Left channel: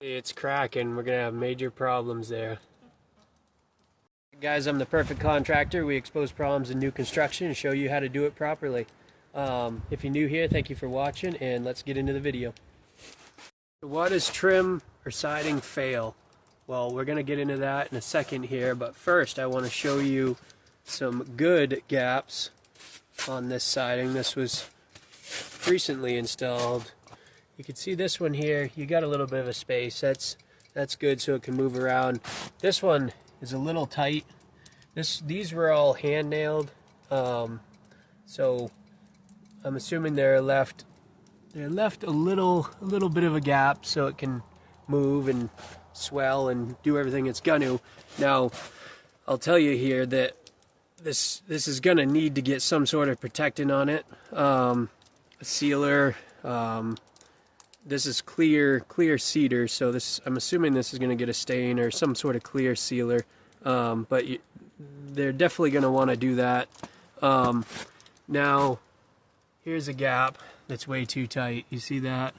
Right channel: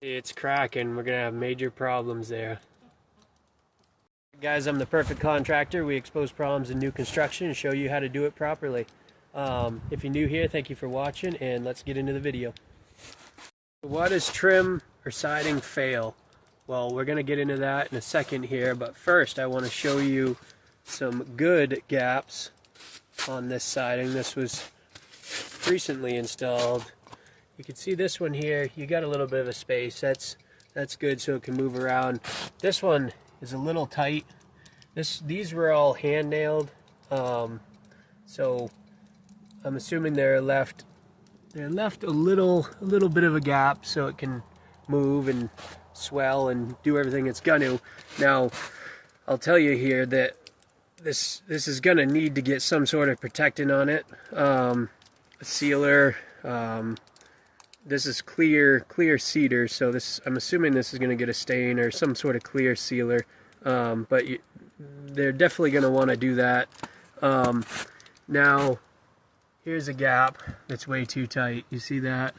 It's cracking. We're gonna have major problems there. Guys, I'm the perfect contractor. We expose problems in new construction and show you how to do it properly. If you're new here, thank you for watching, and let's get into the video. Why does trim or siding fail? Well, we're gonna get into that in a second here, but first I want to show you some good gaps on this siding. This was recently installed. You can see this one here, you got a little bit of a space. That's good so it can move around. This one is a little tight. These were all hand nailed, so I'm assuming they're left a little bit of a gap so it can move and swell and do everything it's gonna. Now, I'll tell you here that this is gonna need to get some sort of protectant on it, a sealer. This is clear cedar, so I'm assuming this is going to get a stain or some sort of clear sealer, but they're definitely going to want to do that. Now, here's a gap that's way too tight. You see that?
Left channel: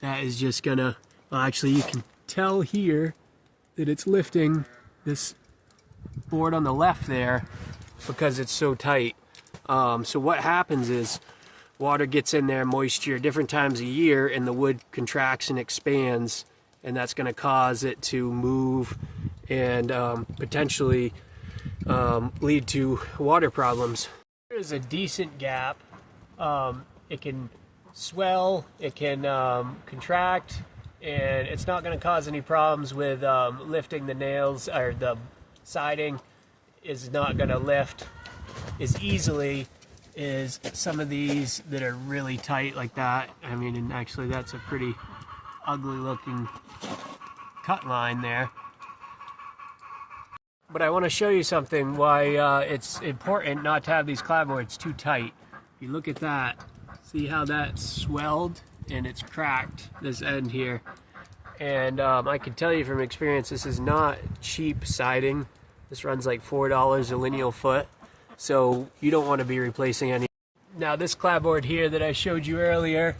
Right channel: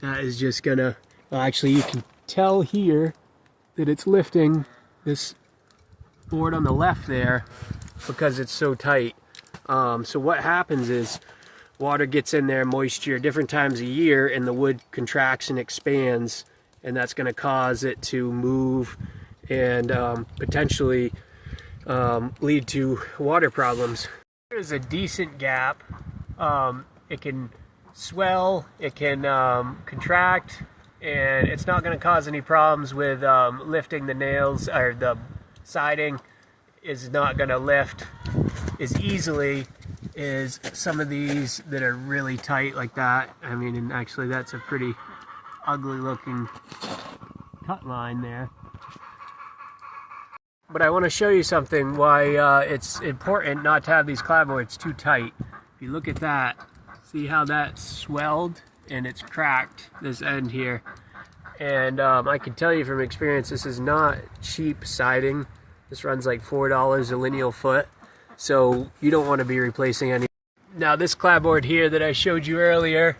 That is just going to, well, actually you can tell here that it's lifting this board on the left there because it's so tight. So what happens is, water gets in there, moisture, different times a year, and the wood contracts and expands, and that's going to cause it to move and potentially lead to water problems. There's a decent gap. It can swell, it can contract, and it's not going to cause any problems with lifting the nails, or the siding is not going to lift as easily is some of these that are really tight like that. I mean, and actually that's a pretty ugly looking cut line there. But I want to show you something why it's important not to have these clapboards too tight. If you look at that, see how that swelled and it's cracked, this end here. And I can tell you from experience, this is not cheap siding. This runs like $4 a lineal foot. So you don't want to be replacing any. Now this clapboard here that I showed you earlier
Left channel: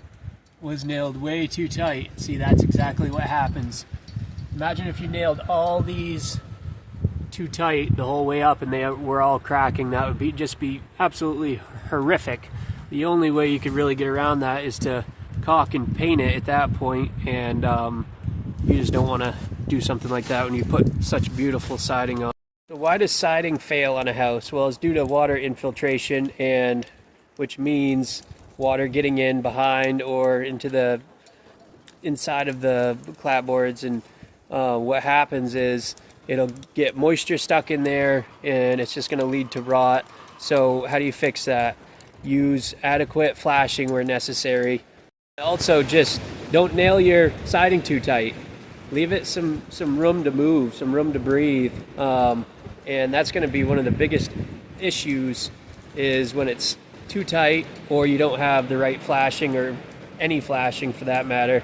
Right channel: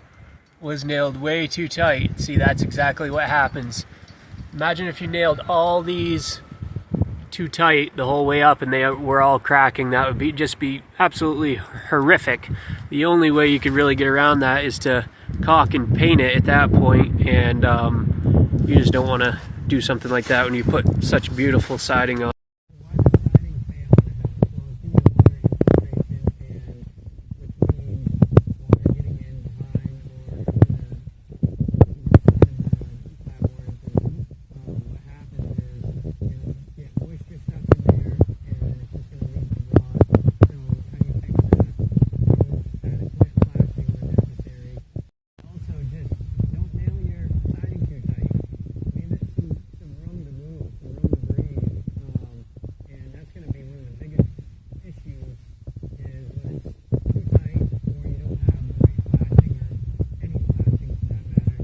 was nailed way too tight. See, that's exactly what happens. Imagine if you nailed all these too tight the whole way up and they were all cracking. That would just be absolutely horrific. The only way you could really get around that is to caulk and paint it at that point, and you just don't want to do something like that when you put such beautiful siding on. So why does siding fail on a house? Well, it's due to water infiltration, and which means water getting in behind or into the inside of the clapboards, and what happens is it'll get moisture stuck in there and it's just going to lead to rot. So how do you fix that? Use adequate flashing where necessary. Also, just don't nail your siding too tight. Leave it some room to move, some room to breathe. And that's going to be one of the biggest issues, is when it's too tight or you don't have the right flashing, or any flashing for that matter.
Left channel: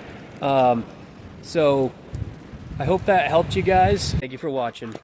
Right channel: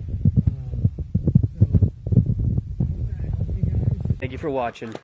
So I hope that helped you guys. Thank you for watching.